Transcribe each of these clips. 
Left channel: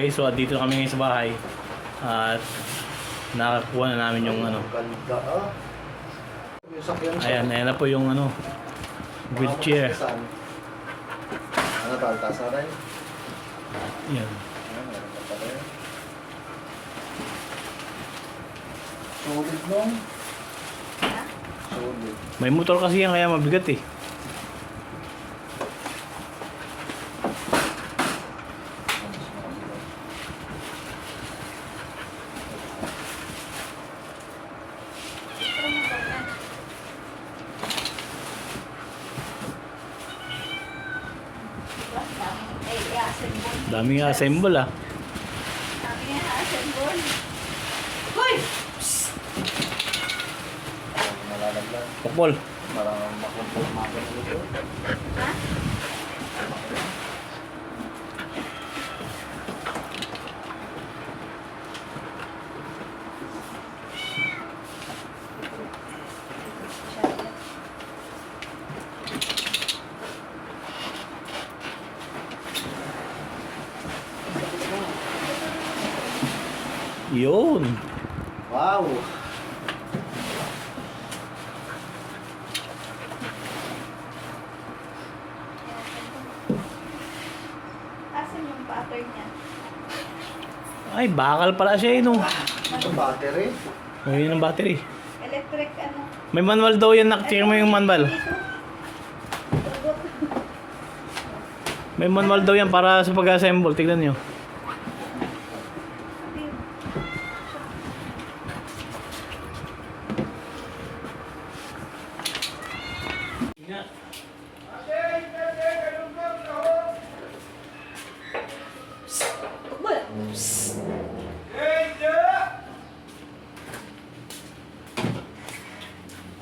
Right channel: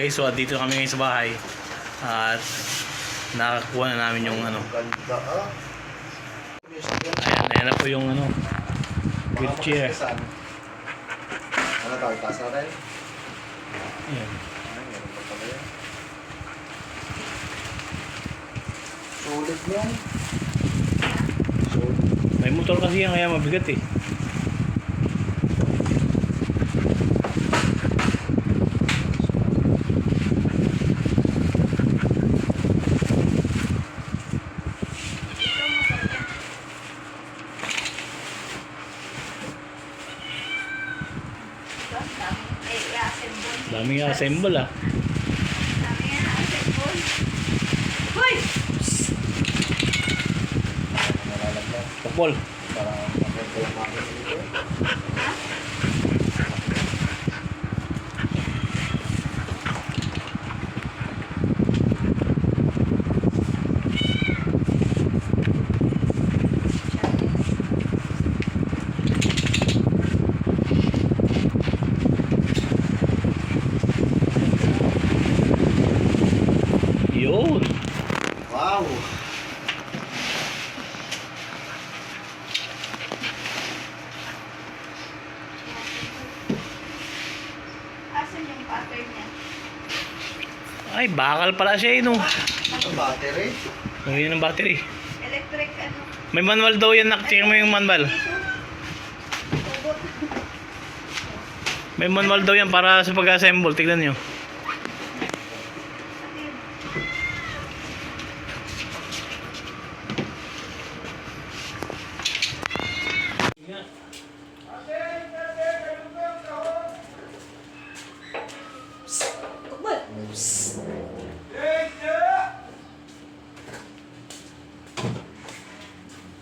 Okay, so dito kami ngayon sa bahay at nakakuha na namin yung ano. Ganda ah. May sakyan siya. Ayan na po yung ano, wheelchair. Ano tawag, tasa rin? Yan. Ayan, meron pa pala yan. Solid mo. Solid. May motor kasi yan kaya mabigat eh. Daming assemble ah. Nalalaglag. Pokpol. Parang makin dito. Yun. Wow! Asan yung pattern niya? Ay, bakal pala siya eh no. Ito battery. O yun ang battery. Electric ano? May manual daw yan, check mo yung manual. Tugot. May manual daw yan para sa pag-assemble, tignan nyo. Ano yun?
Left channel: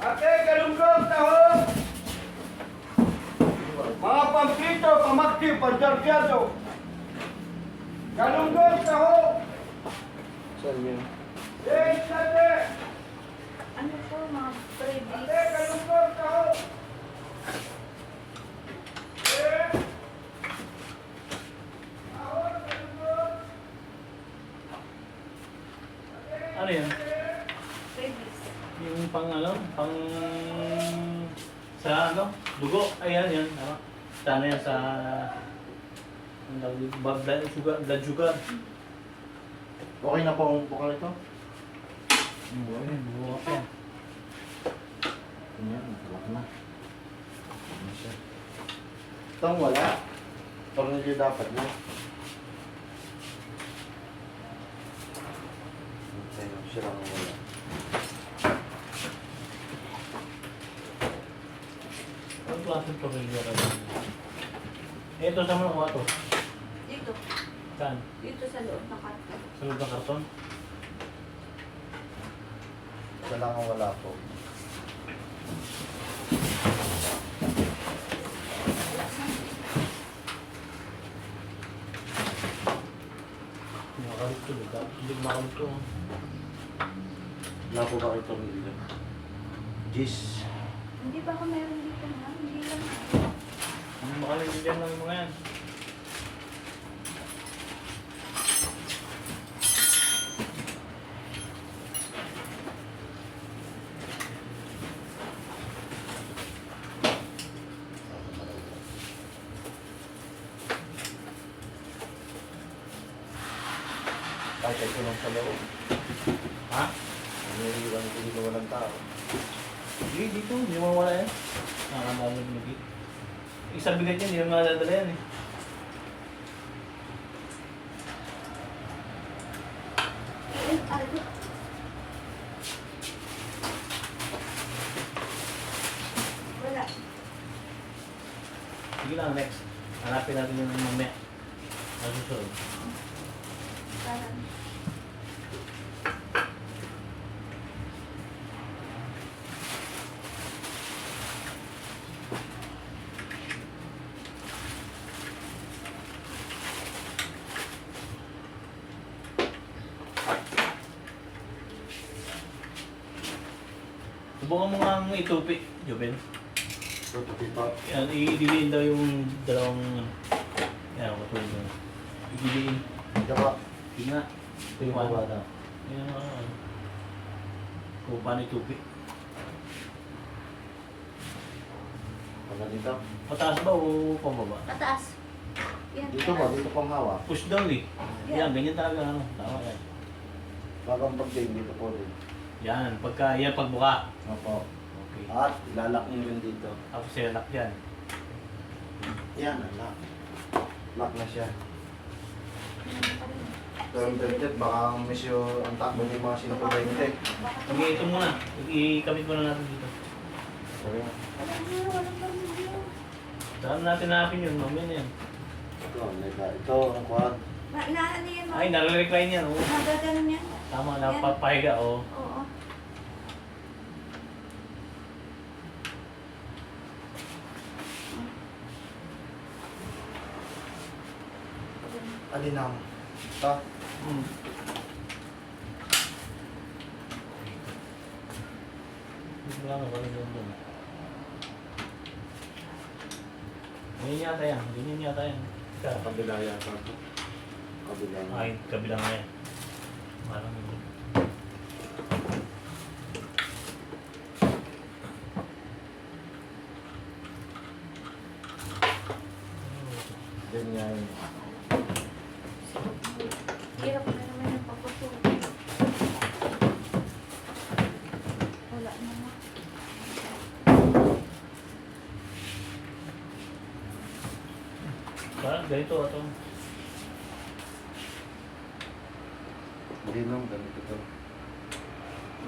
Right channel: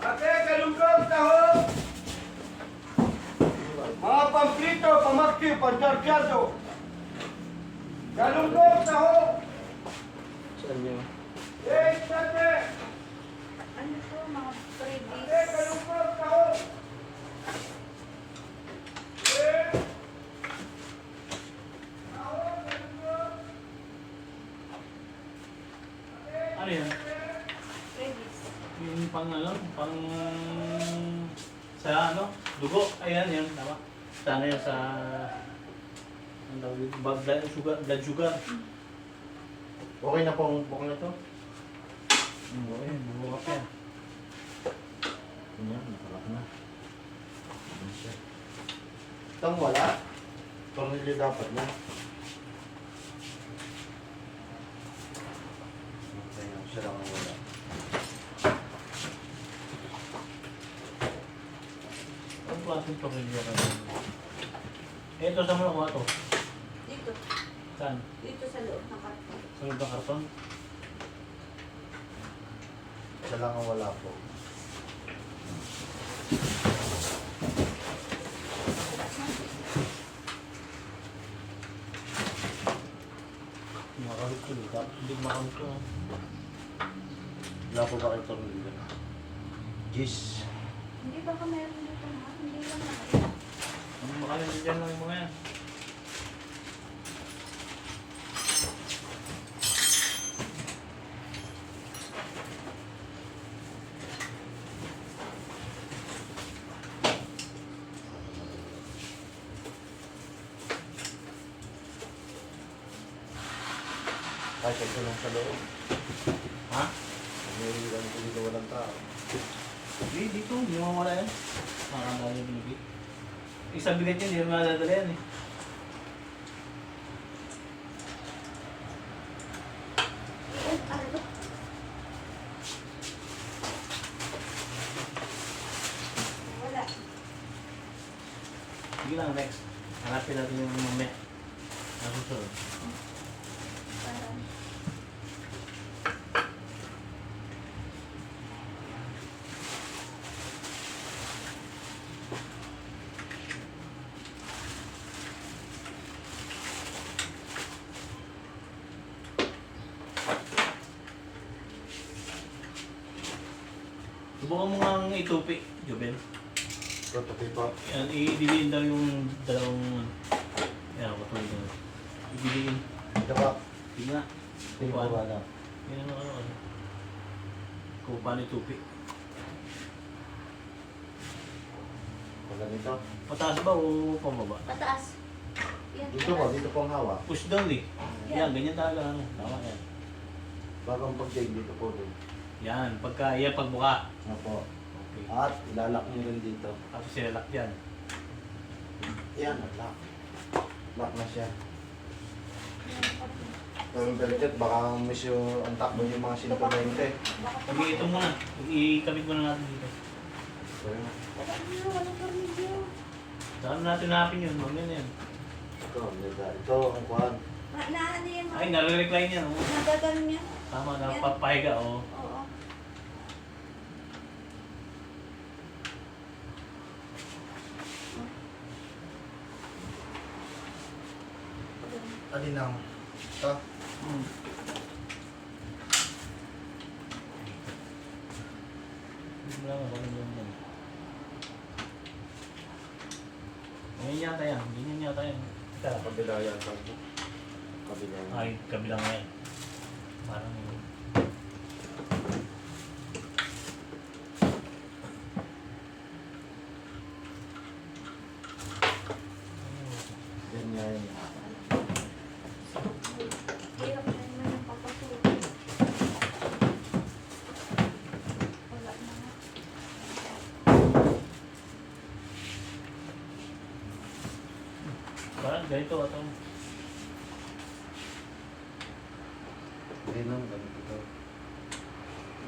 Ate, galunggong taho! Mga pamprito, pamakti, panjarpiado! Galunggong taho! Saan yun? Eh, ate! Ano po mga Ate, previous? galunggong taho! Eh! Taho, galunggong! Ano yan? Previous. Yung pang ano, pang sa ano, dugo. Ayan, yan, tama. Sana yan sa ang tawag dito, blood sugar. Okay na pong bukal ito? Ayan, bumuha pa yan. Ganyan, nakalak na. Ano siya? Itong wala? Parang hindi dapat na. Ayun, siya lang ang wala. Anong klaseng tornilyo kayo? Ito, saan mo nakuha to? Dito. Saan? Dito sa loob ng karton. Sa loob ng karton? Siya lang ang wala po. Makalit to, hindi makalit to. Wala po ba kayo itong dito? Jeez. Hindi ba ako meron dito na? Hindi lang. Ang makalit dyan lang yung mga yan. Kahit ito lang sa loob. Ha? Naiiwan ko dito walang tao. Hindi, dito. Hindi mawala yan. Nakakandali yung binigit. Isang bigat yan, hindi naman madadala yan eh. Ano? Wala. Sige lang, next. Hanapin natin yung mamaya. Ang susunod. Parang. Subukan mo nga itupi, Jobel. Tutupi pa. Yan, i-diliin daw yung dalawang... Yan, matulog nyo. I-diliin. Tsaka, Yun nga. tingin ko ba na. Yun ang ano. Kupa ni Chupi. Wala dito. Mataas ba o pababa? Pataas. Yan. Dito ba? Dito pang hawak. Push down eh. Yan, ganyan talaga ano. Tama yan. Bakang pag-take dito po din. Yan, yan pagbuka. Opo. Okay. At ilalak nyo rin dito. Tapos silak yan. Yan, lock. Lock na siya. Yan pa rin. Pero yung belted, baka misyo ang takbo niyo mga 120. Pag ito muna. Ikabit muna natin dito. Sorry nga. Wala na, walang tornilyo. Saan natin hanapin yun? Mamaya na yan. Ito ang kuhan. Ano yan? Ay, nare-recline yan. Oh. Magaganon yan. Tama, napapahiga. Oh. Oo. Alinang. Ito. Hmm. Hindi mo lang ako yun dyan. Ganyan yata yan. Ganyan yata yan. Ika. Kabila yata ito. Kabila. Ay, kabila nga yan. Parang Ganyan. Hirap na naman ang papasukin. Wala na nga. parang ganito ito. Hindi nung ganito to.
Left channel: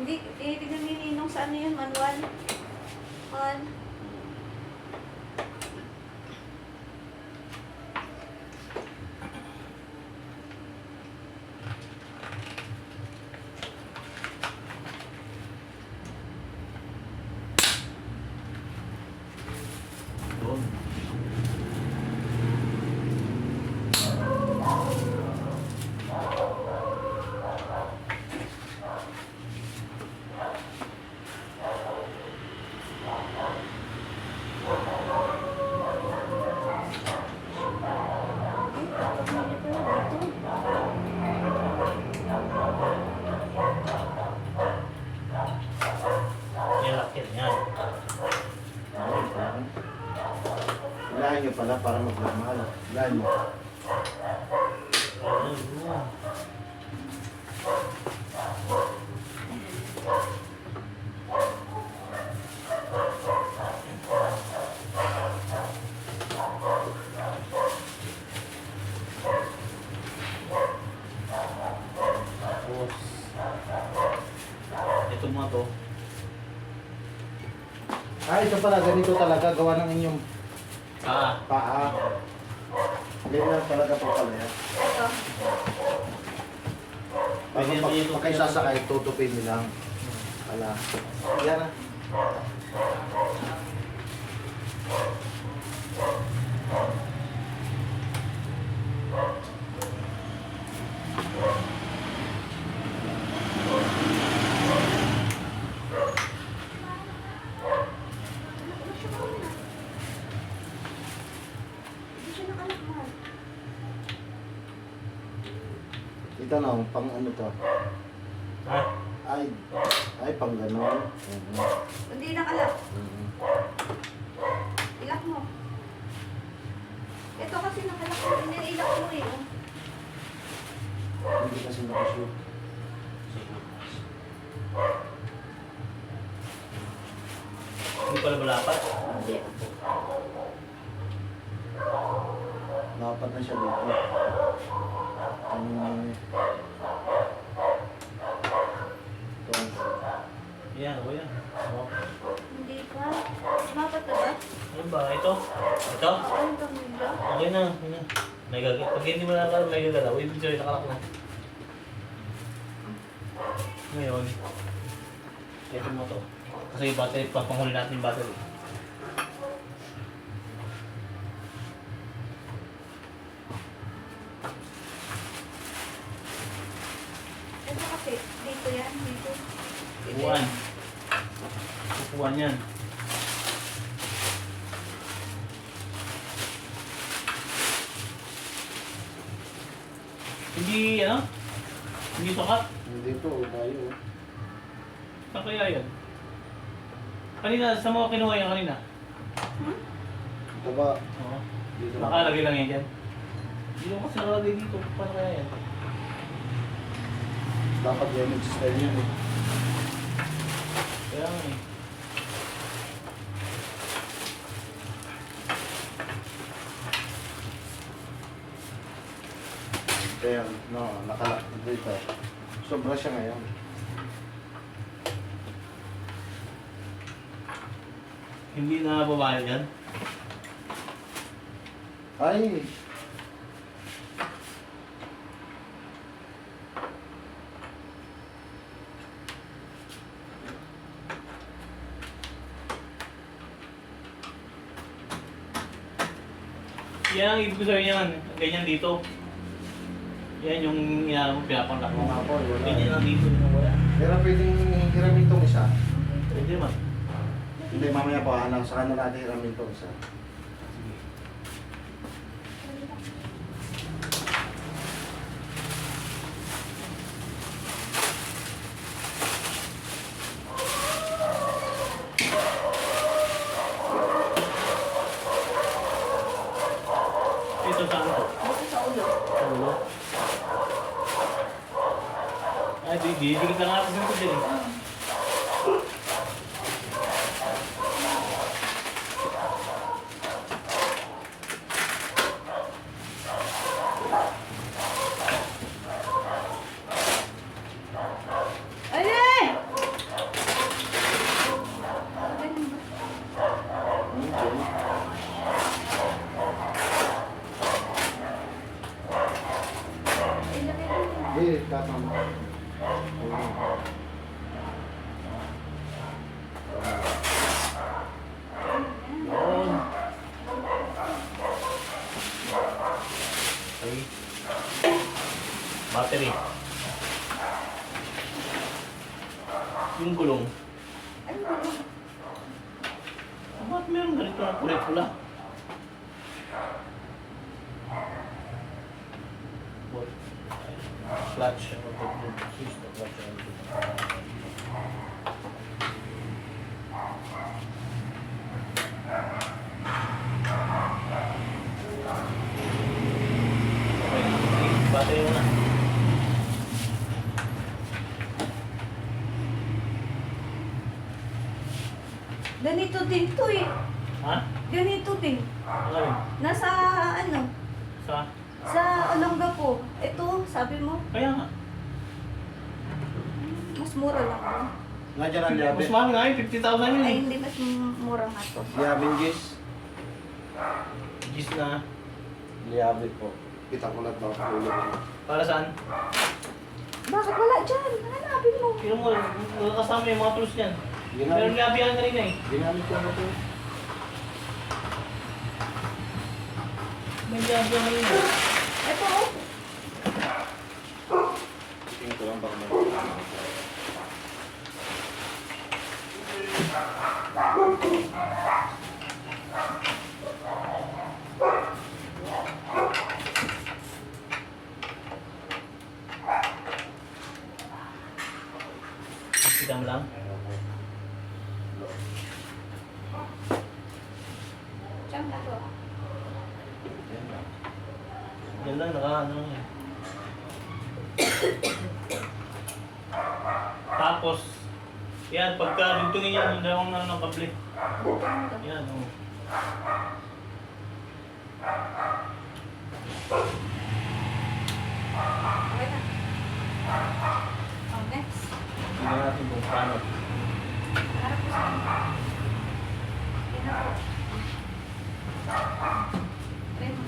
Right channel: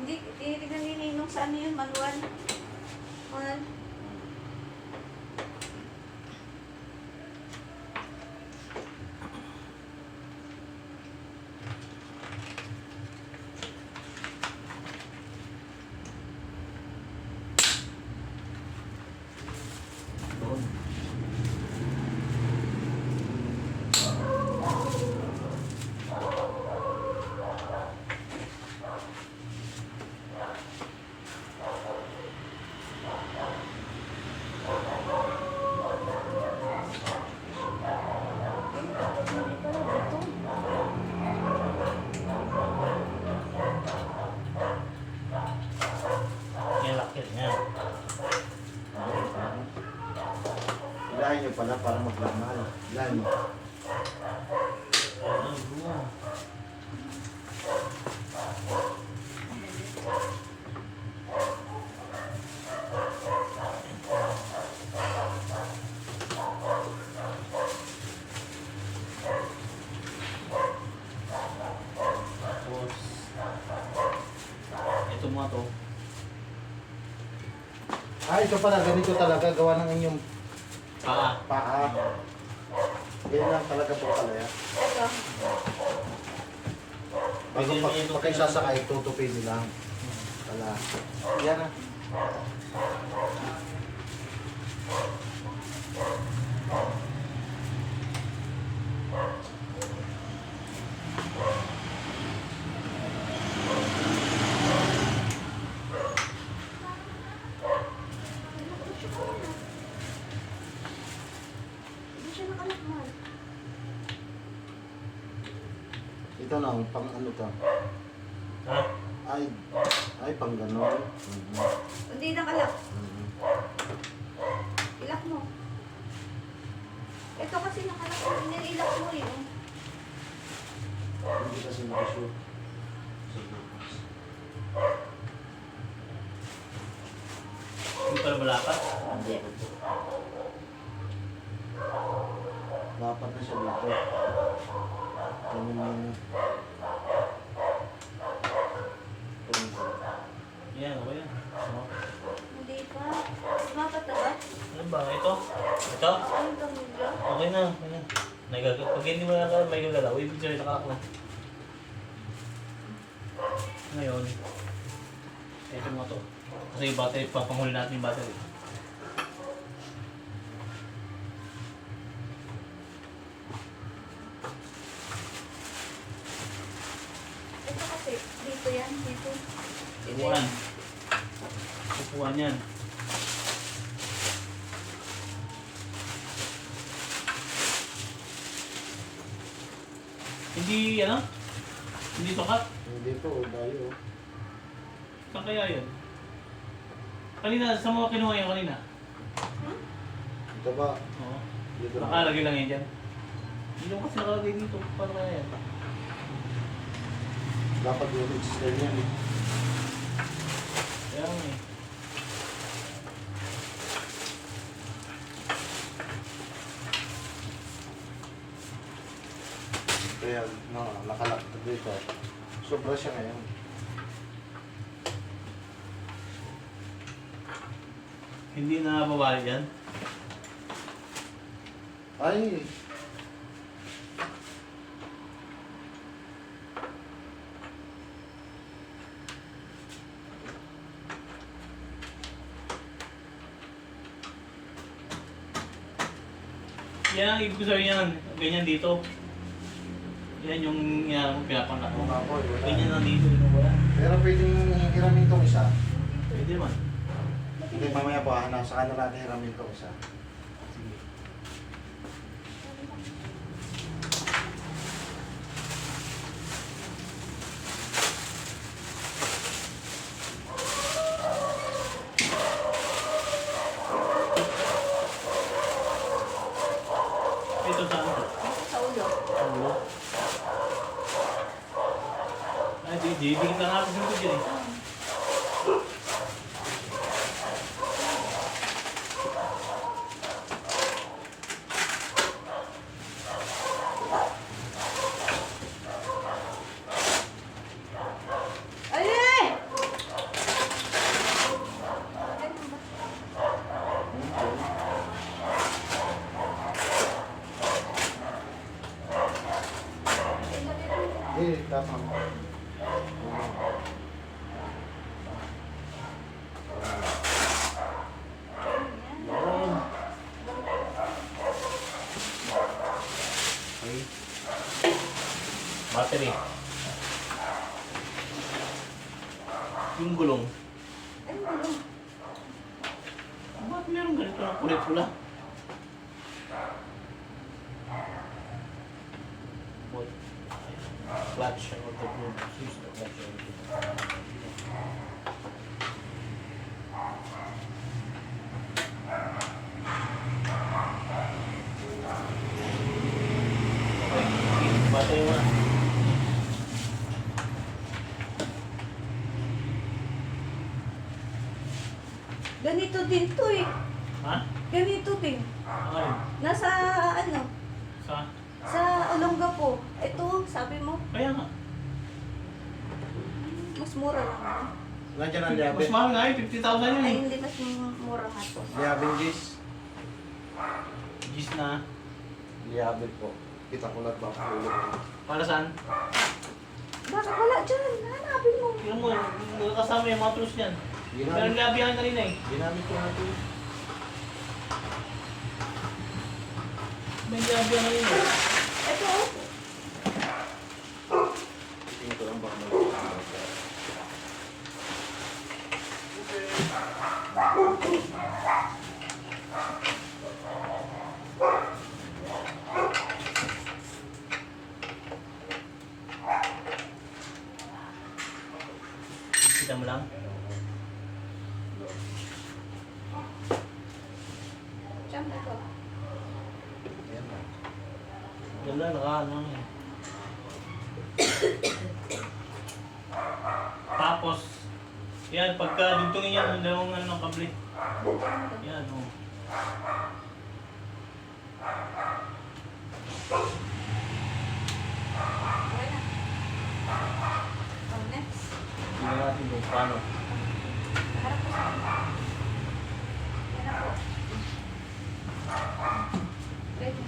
Hindi, titignan ni Ninong sa ano yun, manual. Man. Doon. Hindi pala dito. Yan, lakit. Yan. Ilahin nyo pala para maglamal. Ilahin mo. Ayun. Tapos, ito mga to. Ah, ito pala. Ganito talaga. Gawa ng inyong Ah, paa. Hindi lang talaga po pala yan. Ito. Pwede naman yung Pag kayo sasakay, tutupin nyo lang. Pala. Yan na. Hindi siya nakalakman. Ito na, pang ano to. ha? Ay, pang ganon. Hindi nakalak. Ilak mo. Ito kasi nakalak mo. Hindi ilak mo eh. Hindi kasi nakashoot. Hindi pala malapat. Hindi. Dapat na siya dito. Ano yun eh. Ito. Yan, okay yan. Oh. Hindi pa. Sumapat na ba? Ano ba? Ito? Ito? Anong tornilyo? Okay na. Okay na. May gagalaw. Pag hindi mo na may gagalaw, ibig sabihin nakalak na. Ngayon, ito mo to. Kasi yung battery, papanghuli natin yung battery. Ito kasi. Dito yan. Dito. Upuan. Upuan yan. Hindi, ano? Hindi sukat. Dito, tayo. Saan kaya yun? Kanina, sa mga kinuha yan kanina? Ito ba? Oo. Dito Nakalagay lang yan dyan. Hindi naman kasi nakalagay dito. Paano kaya yan? Dapat yan, extend yan eh. Kaya nga eh. Kaya, no, nakalak dito. Sobra siya ngayon. Hindi na babae yan. Ay! Yan ang ibig sabihin yan. Ganyan dito. Yan yung pinapangat mo. Mga po, yun lang. Ganyan lang dito. Yung wala. Pero pwedeng hiramin itong isa. Pwede man. Hindi, mamaya pa, nasa kanila natin hiramin itong isa. Ito saan to? Dito sa ulo. Ulo. Ay, di kita nga ako ganito din. Ay! Hindi, kasama. Yun. Okay. Battery. Yung gulong. Ano ba yun? Bakit meron ganito na kulay pula? What? Clutch. Ano to? Switch to clutch. Okay. Battery muna. Ganito din to eh. Ha? Ganito din. Ano yun? Nasa ano? Sa? Sa Olongapo. Ito, sabi mo, Kaya nga. mas mura lang. ano? Nandiyan ang Mas liabit. mahal nga yun. 50,000 yun Ay, eh. hindi mas mura nga to. Liabit, Gis. Gis na. Liabit po. Kita ko lang ba ang ulo ko. Para saan? Bakit wala dyan? Hanapin mo. Tingnan mo, kasama yung mga tools niyan. Meron labi yan kanina eh. Ginamit ko na to. May labi yan kanina. Ito oh. Tingin ko lang baka may Kita mo lang. Siyang na to. Yan lang. Yan lang, ano eh. Tapos, yan, pagka dugtungin yan, yung dalawang ano ng kable. Yan, oh. Okay na. Oh, next. Tingnan natin kung paano. Harap ko sa kanya. Harap ko. Try mo.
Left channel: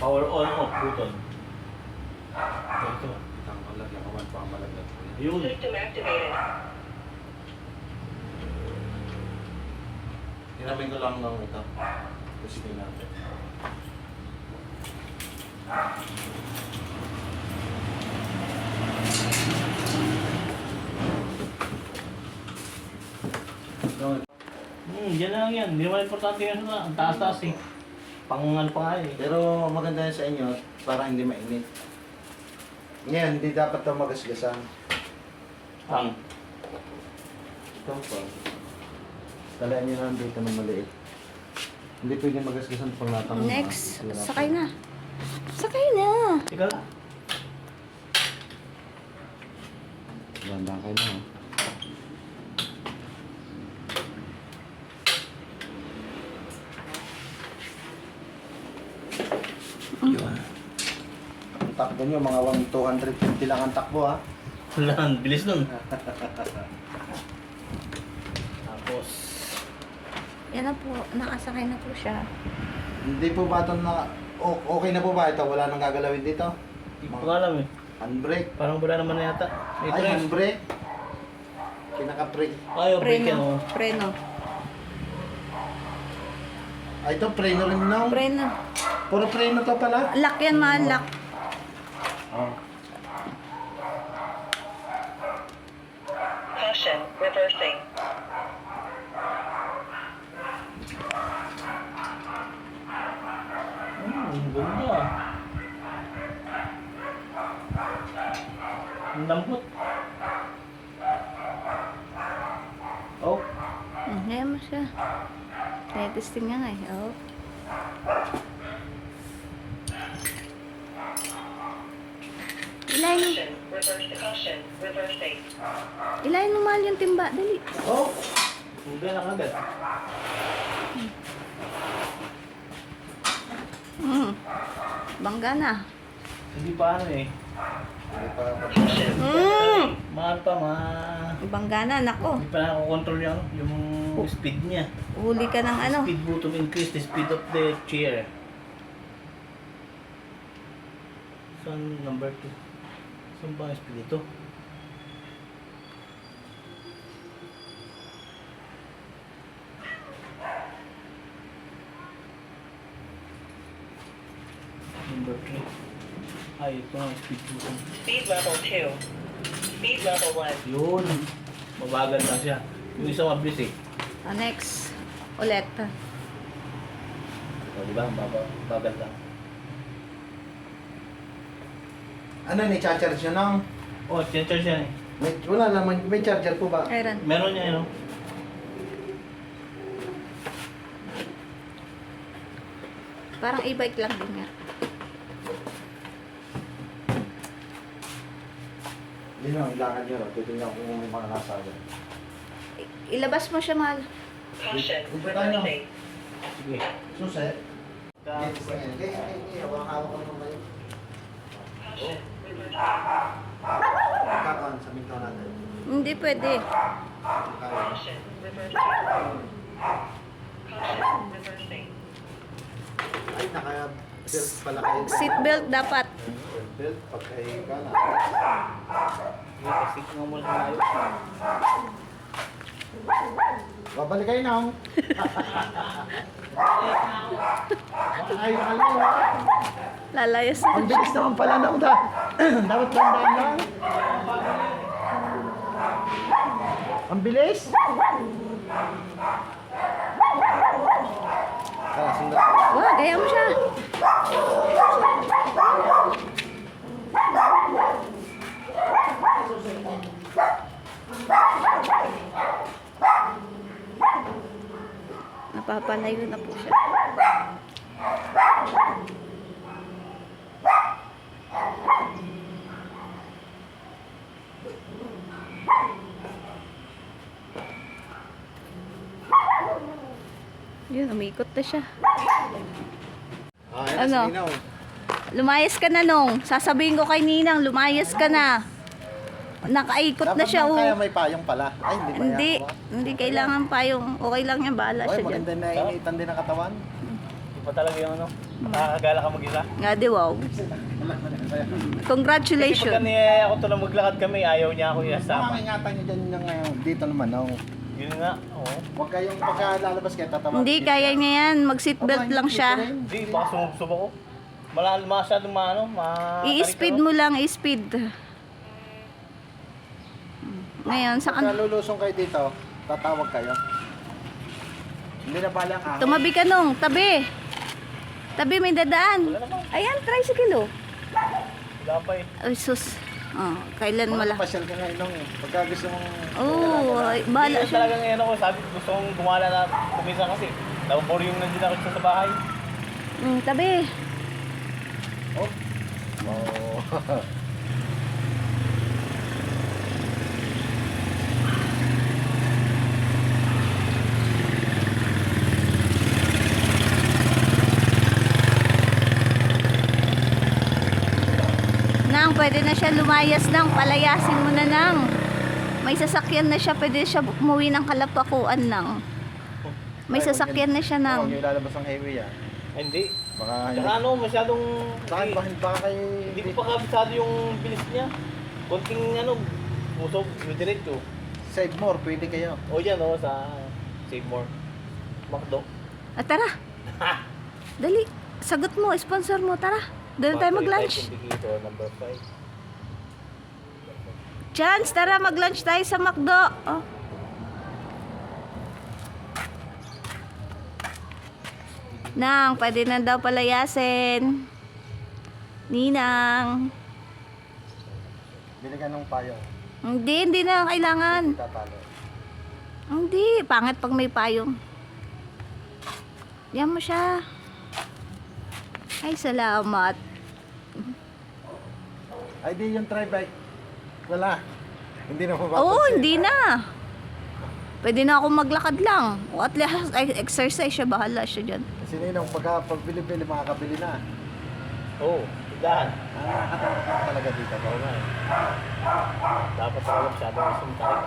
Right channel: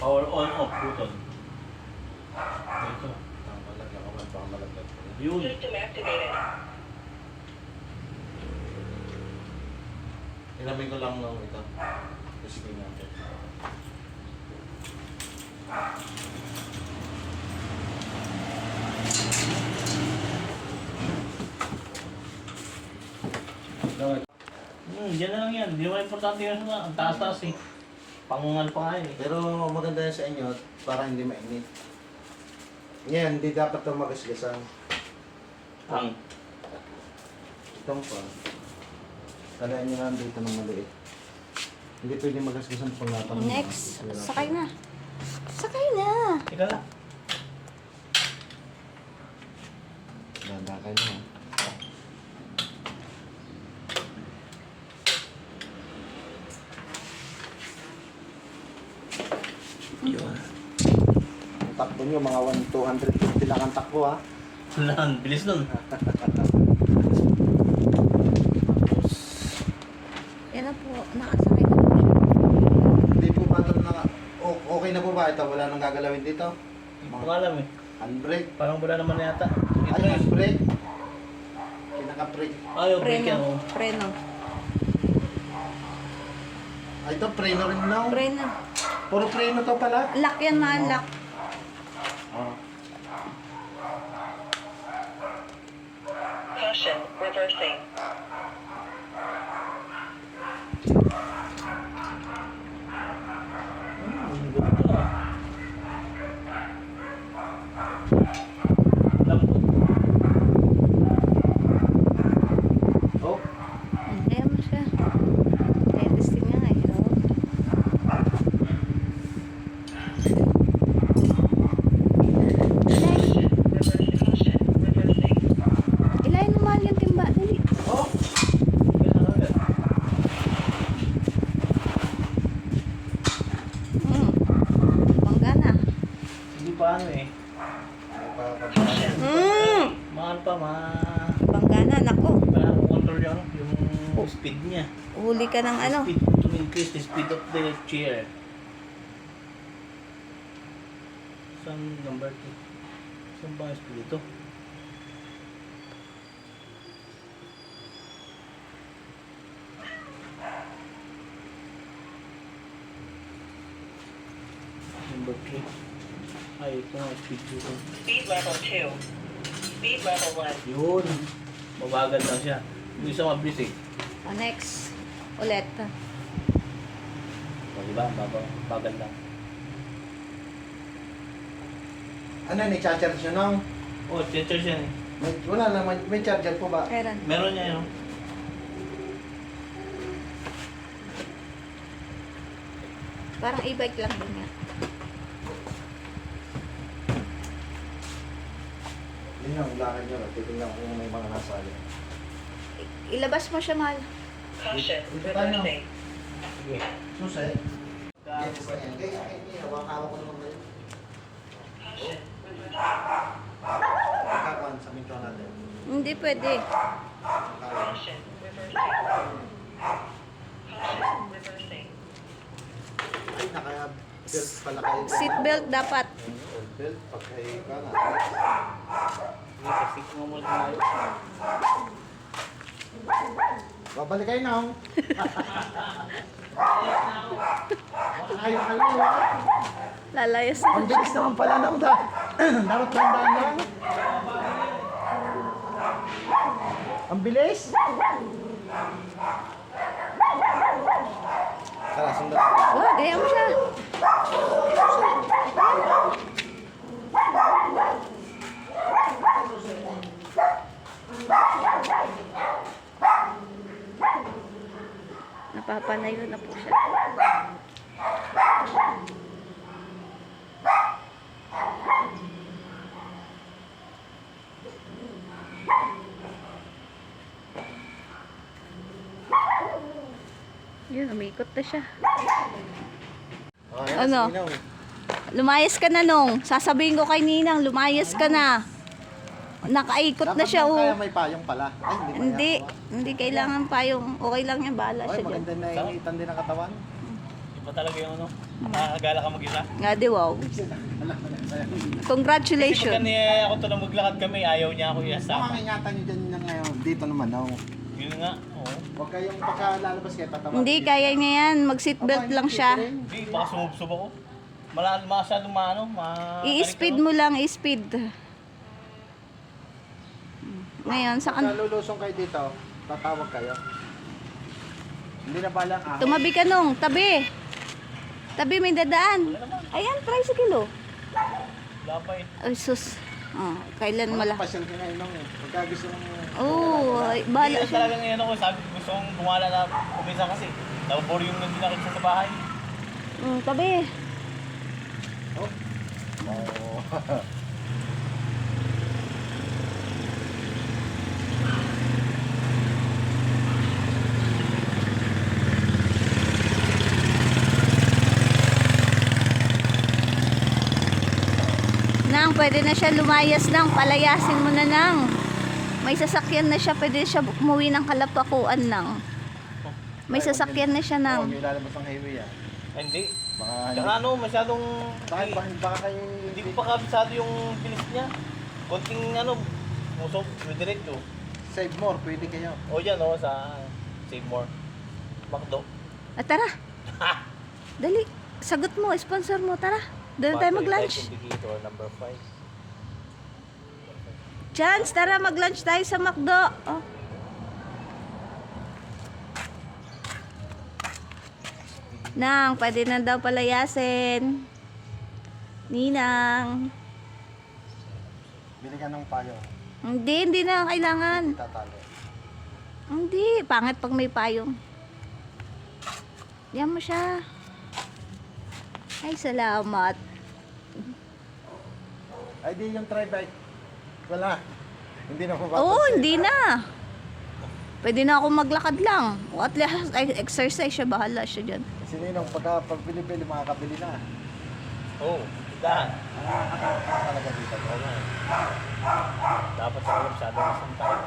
Power on, off button. Ito. Ang malagyan ko man pa malagyan ko. Yun. System activated. Hiramin ko lang ng ito. Kasi natin. Yan na lang yan. Hindi naman importante yan sa ang taas-taas eh. Pangal pa nga eh. Pero maganda yan sa inyo para hindi mainit. Ngayon, hindi dapat ito magasgasan. Ang. Ito po. Talaan nyo lang dito ng maliit. Hindi pwede magasgasan pag natang. Next. Sakay na. Sakay na. Ika lang. Ganda kayo na. Yun. Ang takbo nyo, mga 250 lang ang takbo ha. Lang, bilis nun. Tapos, Yan na po. Nakasakay na po siya. Hindi po ba ito na... okay na po ba ito? Wala nang gagalawin dito? hindi ko alam eh. Handbrake. Parang wala naman na yata. Ito Ay, rin. handbrake. Kinaka-brake. Ayaw, break yan Preno. oh. Preno. Ay, ito, preno rin lang. Preno. Puro preno to pala. Lock yan, mahal. Lock. Oh. Caution, reversing. Ganda ah. Lambot. Oh. Ngayon mo siya. Testing nga ngayon. Ilayin, Reversing. Caution, reversing. ilayin mo mahal yung timba. Dali. Oh. Hindi lang agad. Bangga na. Hindi pa ano eh. Ay, pa- Mahal pa Bangga na. Nako. para control yung speed niya. Huli ka ng ano. Speed mo to increase the speed of the chair. Saan number 2? Saan ba ang speed ito? Number 3. Ay, ito ang speed button. Speed level 2. Speed level 1. Yun. Mabagal lang siya. Yung isa mabilis eh. Next. Ulit. O, di ba? Bagal lang. Ano, may charger nyo nang? Oh, charge yan eh. Wala naman, may charger po ba? Kailan? Meron niya yun. Parang e-bike lang din nga. Hindi lang, ilakad nyo lang. Titignan ko kung may mga nasa agad. Ilabas mo siya, mahal. Caution, Dito tayo. reversing. Sige. Suset. Tapos, Kaya, hawak ko naman kayo. Caution, reversing. Nagkakuhan sa minto natin. Hindi pwede. Kaya. Caution, reversing. Caution, reversing. Ay, naka-belt pala kayo. dyan, Seatbelt dapat. ha? Belt, pagkahiga na. sige, pasik nga muna tayo. Babalik kayo na. Ay, nakalayo. Lalayas na. Ang bilis naman pala na. Dapat bandaan lang. Ang bilis. Tara, sundan. Wah, gaya mo siya. Napapalayo na po siya. Yun, umikot na siya. Oh, Ano? Lumayas ka na nung. Sasabihin ko kay Ninang, lumayas ka na. Nakaikot na siya, Kaya oh. may payong pala. Ay, hindi. Hindi, hindi kailangan pa yung okay lang yan, bahala Ay, siya dyan. maganda na initan din ang katawan. Di pa talaga yung ano. Nakakagala ka mag-isa. Nga di, wow. Congratulations. Pagka ako to lang maglakad kami, ayaw niya ako iasama. Makakingatan nyo dyan yung ngayon. Dito naman, oh. Yun nga, oo. Huwag kayong pagkalalabas kayo tatawa. Hindi, kaya niya yan. Mag-seatbelt lang siya. Hindi, baka sumubsob ako. Masyadong I-speed mo lang, i-speed. Ngayon, sa Pagka lulusong kayo dito, tatawag kayo. Hindi na balang ako. Tumabi ka nung, tabi. Tabi, may dadaan. Wala naman. Ayan, tricycle oh. Wala pa eh. Ay, sus. Oh, kailan mala? Pasyal ka nga inong. Pagka gusto mong... Oo, ay, bahala Hindi siya. talagang ano ko, sabi ko gusto kong gumala na kumisa kasi. Nababor yung nandun ako sa bahay. Tabi. Oh. Nang, pwede na siya lumayas nang. Palayasin mo na nang. May sasakyan na siya. Pwede siya umuwi ng Kalapakuan nang. May sasakyan na siya nang. Yung ilalabas ang highway ah. Ay, hindi. Baka Tsaka ano, masyadong... baka kay... Hindi ko pa kabisado yung bilis niya. Konting ano, musok, diretso. Save more, pwede kayo. O yan o, sa Save More. McDo. Tara. Dali. Sagot mo. Sponsor mo. Tara. Doon tayo mag-lunch. Indicator number 5. Chance, tara mag-lunch tayo sa McDo. Oh. Nang, pwede na daw palayasin. Ninang. Binigyan ng payo. Hindi na kailangan. Tatalo. Hindi, pangit pag may payong. Yan mo siya. Ay, salamat. Ay di yung tri-bike. Wala. Hindi na mabatas. Oo, hindi na. Pwede na ako maglakad lang. O at least ay, exercise siya, bahala siya dyan. Sininong pagka pagbili-bili, makakabili na. Oo, dahan. Talaga dito. Oo nga eh. Dapat talaga masyadong isang tayo.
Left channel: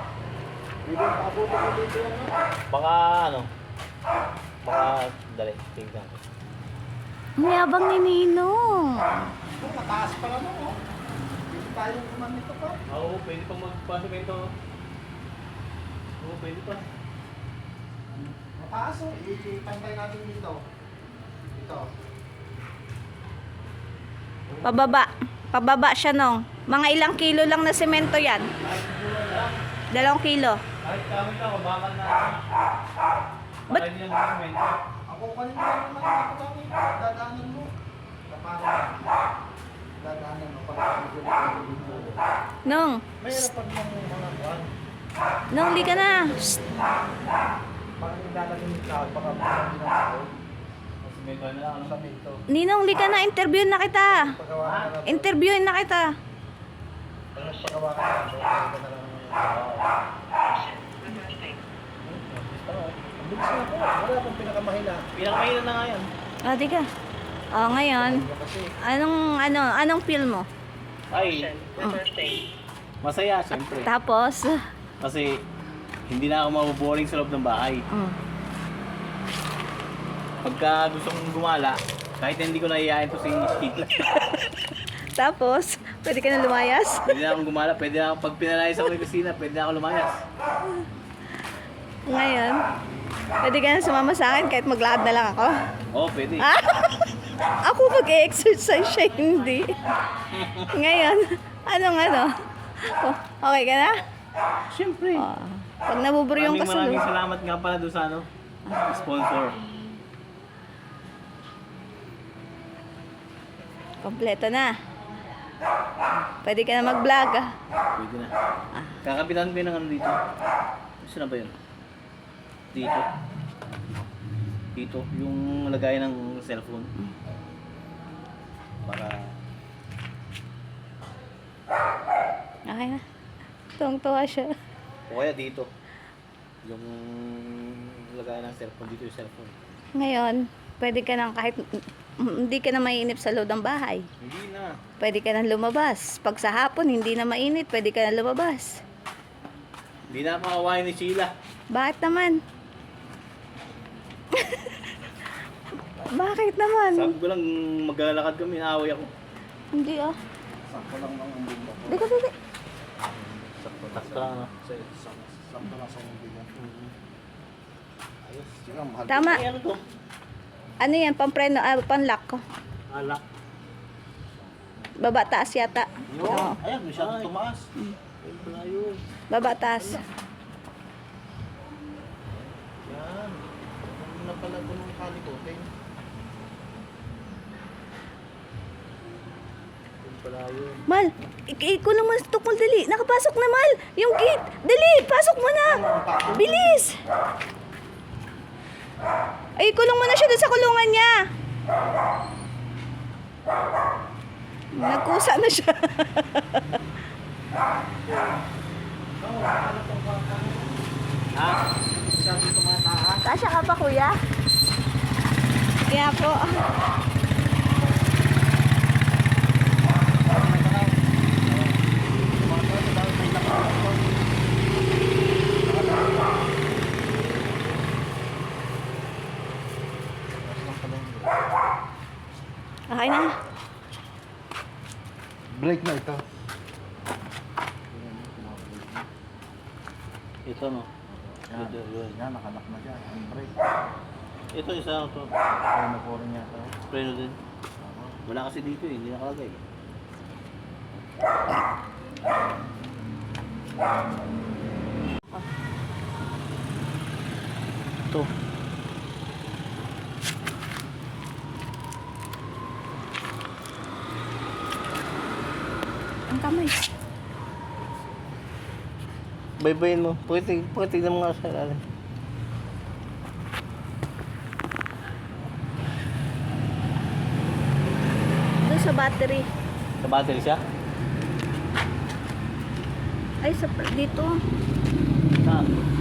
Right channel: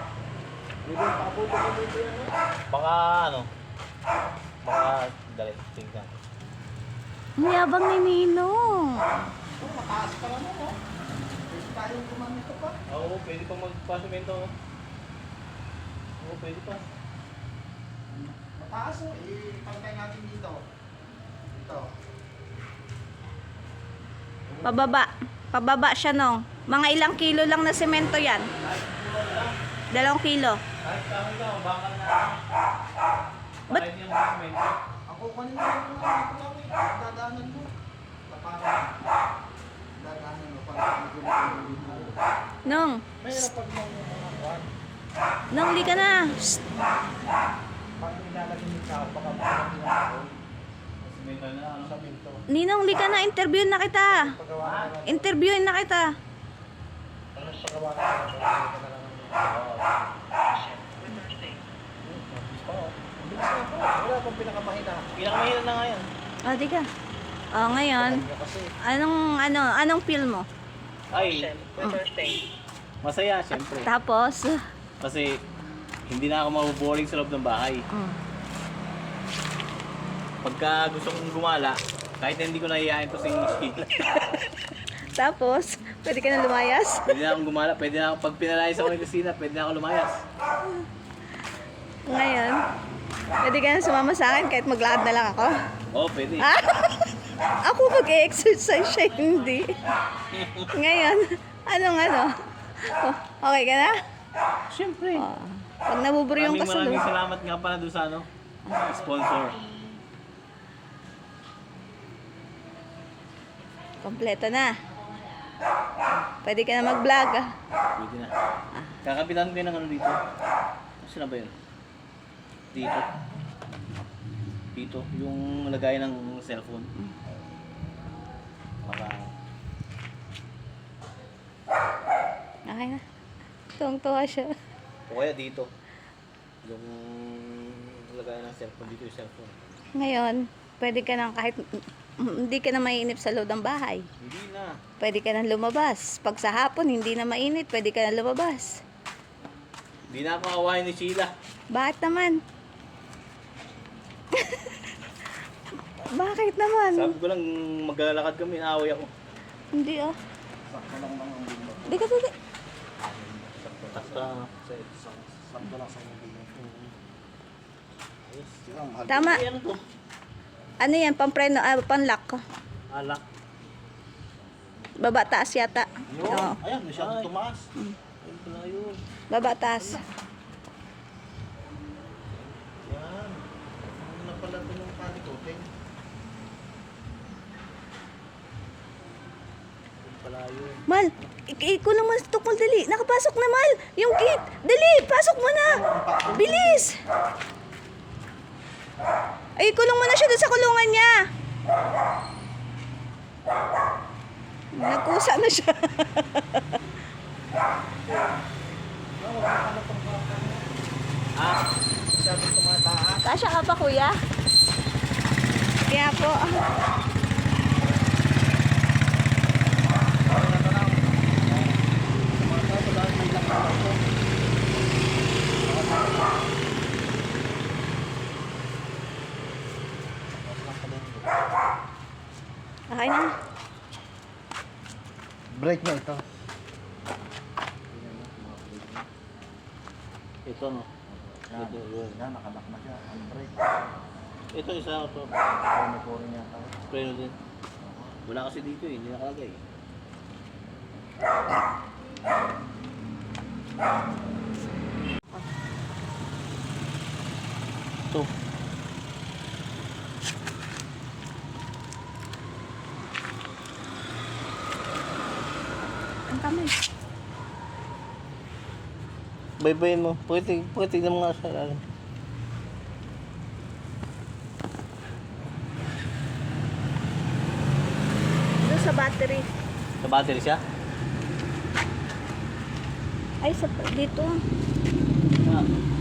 Hindi ba pabuti ko dito yan? Baka ano, baka dali, tingnan ko. Ang yabang ni Ninong. Mataas pa lang ako. Pwede tayong kumamit pa. Oo, pwede pa magpasimento. Oo, pwede pa. Mataas oh. Ipantay natin dito. Dito. Pababa. Pababa siya no. Mga ilang kilo lang na semento yan. 2 kilo. Kahit kami ka, bakal na. Ba't- Bakal niya magpasimento. Ako kanina naman ako lang eh. Dadaanan mo. Tapanan. Dadaanan mo. Pag dito. Nong. Mayroon pag mga kuhan. Nong, di ka na. Shh. Pag nilalagay yung tao, baka hindi na ako. Pasimento na lang, ano? Sa minto. Ninong, di ka na. Interviewin na kita. Paggawa ka na. Interviewin na kita. Pag nagpagawa ka na. Paggawa ka na lang. Ang bilis na po. Wala pang pinakamahina. Pinakamahina na nga yan. O, di ka. O, ngayon. Kasi Anong feel mo? Ay, My birthday. masaya siyempre. Tapos, Kasi hindi na ako maboboring sa loob ng bahay. Pagka gusto kong gumala, kahit na hindi ko naiyain to si Sheila. tapos, pwede ka na lumayas? Pwede na akong gumala, pwede na ako, pag pinalayas ako ng kusina, pwede na ako lumayas. Ngayon, pwede ka na sumama sa akin kahit maglakad na lang ako? Oo, pwede. Ah, ako mag-exercise siya, hindi. Ngayon, ano? Oh, okay ka na? Siyempre. Oh, pag nabuburyong ka sa Maraming loob. salamat nga pala doon sa ano, sponsor. Kompleto na. Pwede ka na mag-vlog. Pwede na. Kakabitan ko yun ng ano dito. Saan na ba yun? Dito. Dito. Yung lagayan ng cellphone. Para... Okay na. Tuwang-tuwa siya. O kaya dito. Yung lagayan ng cellphone. Dito yung cellphone. Ngayon, pwede ka na kahit hindi ka na mainip sa loob ng bahay. Hindi na. Pwede ka na lumabas. Pag sa hapon, hindi na mainit, pwede ka na lumabas. Hindi na ako kawain ni Sheila. Bakit naman? Bakit naman? Sabi ko lang maglalakad kami, naaway ako. Hindi ah. sakto lang ng umbing mo. Duga. Takta na. Sakto lang sa umbing mo. Ayos. Yun ang mahal. Tama. Ay, ano to? Ano yan? Pampreno, panlock ko. Alak. Baba taas yata. Oo. Ayan, masyadong tumaas. Ayun pala yun. Baba taas. Yan. Ano na pala ito ng kalikote? Wala yun. Mal, iko naman sa tukol, dali. Nakapasok na, Mal. Yung gate. Dali, pasok mo na. Bilis. Ay, ikulong mo na siya doon sa kulungan niya. Nagkusa na siya. Ha? Kasya ka pa, kuya? Kaya po. Okay na. Break na ito. Ito no. Ito yun. Yan, nakalock na siya. Ang break. Ito isa to. Ay, napurin niya ito. Preno din. Wala kasi dito eh, hindi nakalagay. Ito. Ang kamay. Baybayin mo. Pakitig ng mga sa ilalim. Doon sa battery. Sa battery siya? Ay, sa dito. Ah.